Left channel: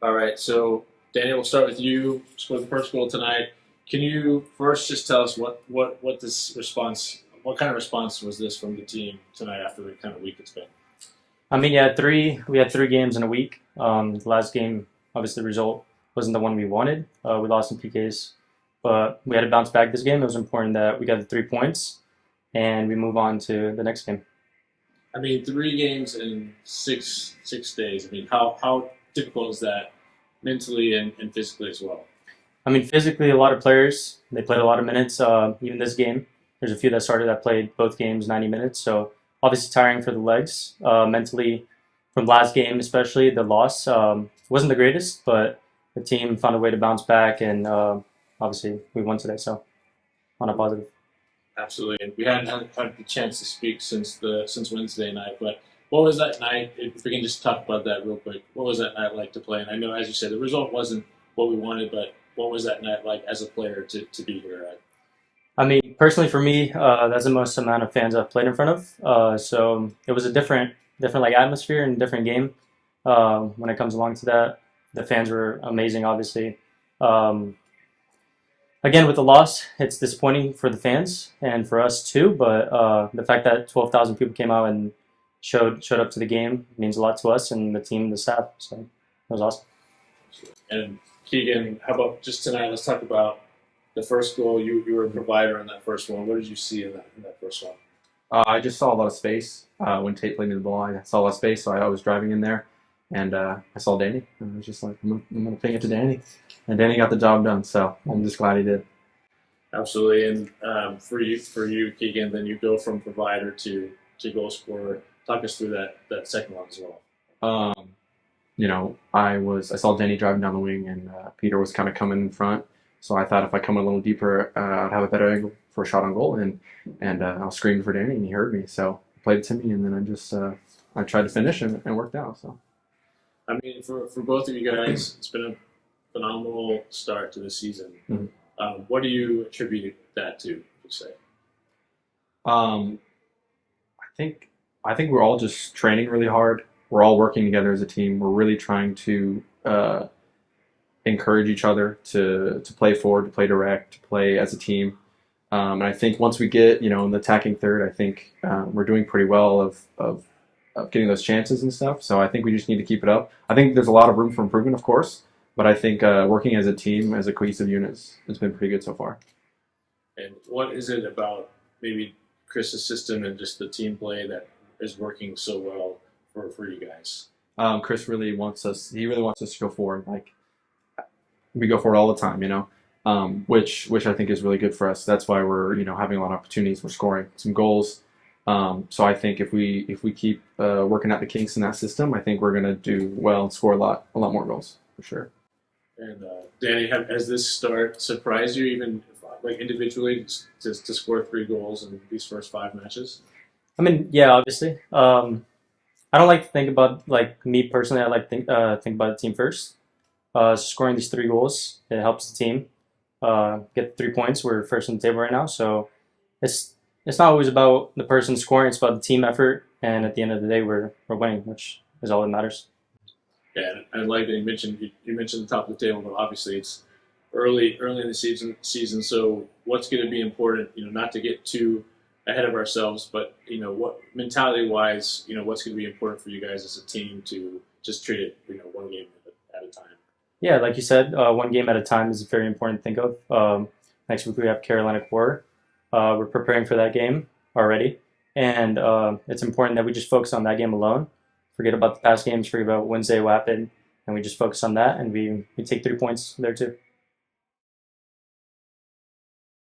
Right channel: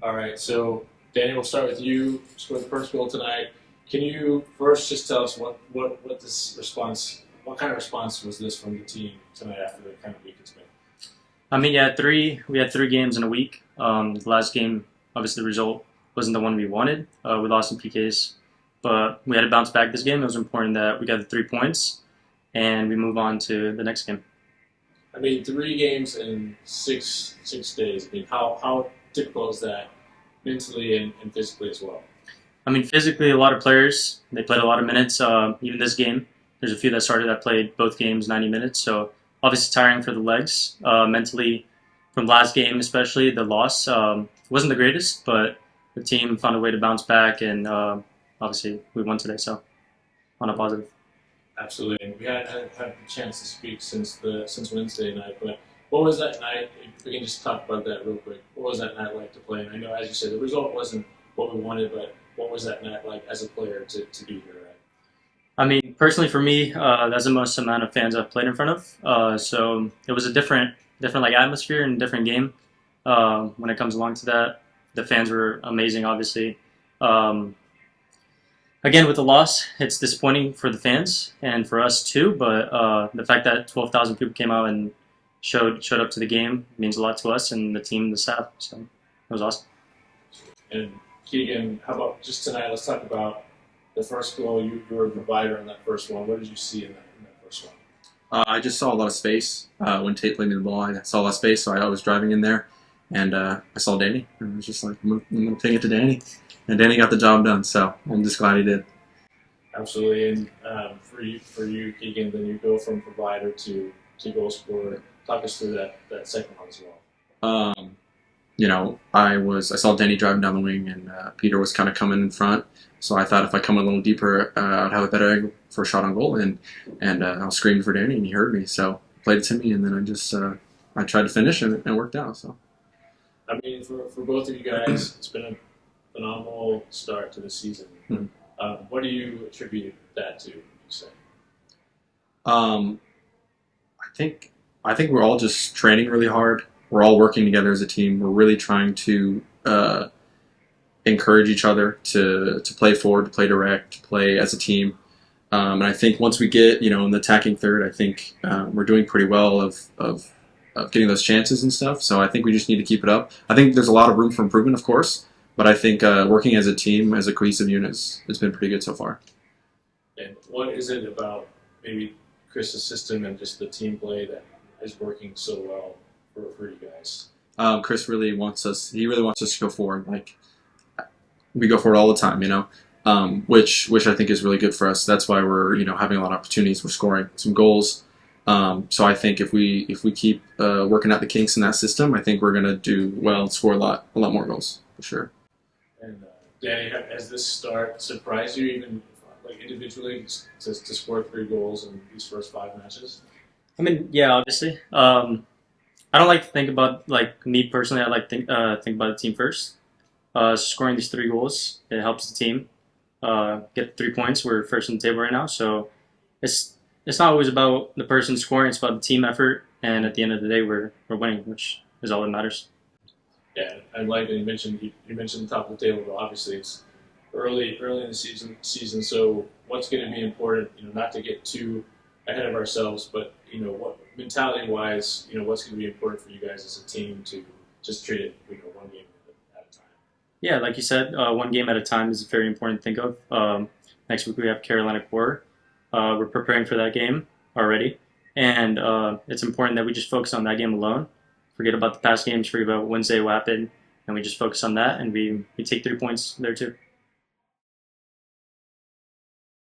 All right, so Daniel, we'll start with you. Scored the first goal tonight. Can you first just tell us what this response, what kind of response was this from the team tonight after the kind of week it's been? I mean, yeah, we had 3 games in a week. The last game, obviously, the result wasn't the one we wanted. We lost in PKs, but we had to bounce back this game. It was important that we got the 3 points and we move on to the next game. I mean, 3 games in six days. I mean, how difficult is that mentally and physically as well? I mean, physically, a lot of players they played a lot of minutes. Even this game, there's a few that started that played both games 90 minutes. So obviously tiring for the legs. Mentally, from last game especially, the loss wasn't the greatest, but the team found a way to bounce back, and obviously we won today. So on a positive. Absolutely. And we hadn't had the chance to speak since Wednesday night, but what was that night? If we can just talk about that real quick. What was that night like to play? And I know, as you said, the result wasn't what we wanted, but what was that night like as a player to be here at? I mean, personally for me, that's the most amount of fans I've played in front of. So it was a different like atmosphere and different game. When it comes along to that, the fans were amazing. Obviously, um, again with the loss, it's disappointing for the fans and for us too. But the fact that 12,000 people came out and showed up to the game means a lot to us and the team, and the staff. So it was awesome. And Keegan, how about just tonight? Let's talk about the first goal. You were a provider in that first one. What did you see in that first one? I just saw a lot of space when Tate played me the ball. I saw a lot of space, so I was driving in there, and I saw Danny, and I was just like, I'm gonna take it to Danny, and Danny got the job done. So I'm just glad he did. Absolutely. And for you, Keegan, then you go from provider to goal scorer. Talk us through that second one as well. Um, I saw Danny driving down the wing, and Peter was kind of coming in front. So I thought if I come a little deeper, I'd have a better angle for a shot on goal, and I was screaming for Danny, and he heard me. So he played it to me, and then I tried to finish, and it worked out. So. I mean, for both of you guys, it's been a phenomenal start to the season. Mhm. What do you attribute that to? Would you say? Um, I think I think we're all just training really hard. We're all working together as a team. We're really trying to encourage each other to play forward, to play direct, to play as a team. And I think once we get in the attacking third, I think we're doing pretty well of getting those chances and stuff. So I think we just need to keep it up. I think there's a lot of room for improvement, of course, but I think working as a team, as a cohesive unit, has been pretty good so far. And what is it about maybe Chris's system and just the team play that is working so well for you guys? Chris really wants us. He really wants us to go forward. Like we go forward all the time, which I think is really good for us. That's why we're having a lot of opportunities. We're scoring some goals. So I think if we keep working out the kinks in that system, I think we're gonna do well and score a lot more goals for sure. And Danny, has this start surprised you even like individually to score 3 goals in these first 5 matches? I mean, yeah, obviously. I don't like to think about like me personally. I like to think about the team first. Scoring these 3 goals, it helps the team get 3 points. We're first on the table right now, so it's it's not always about the person scoring. It's about the team effort, and at the end of the day, we're winning, which is all that matters. Yeah, I like that you mentioned the top of the table, but obviously it's early in the season. So what's going to be important? Not to get too ahead of ourselves, but what mentality wise, what's going to be important for you guys as a team to just treat it, one game at a time. Yeah, like you said, 1 game at a time is very important to think of. Next week we have Carolina Core. We're preparing for that game already, and it's important that we just focus on that game alone. Forget about the past games, forget about Wednesday what happened, and we just focus on that, and we take 3 points there too.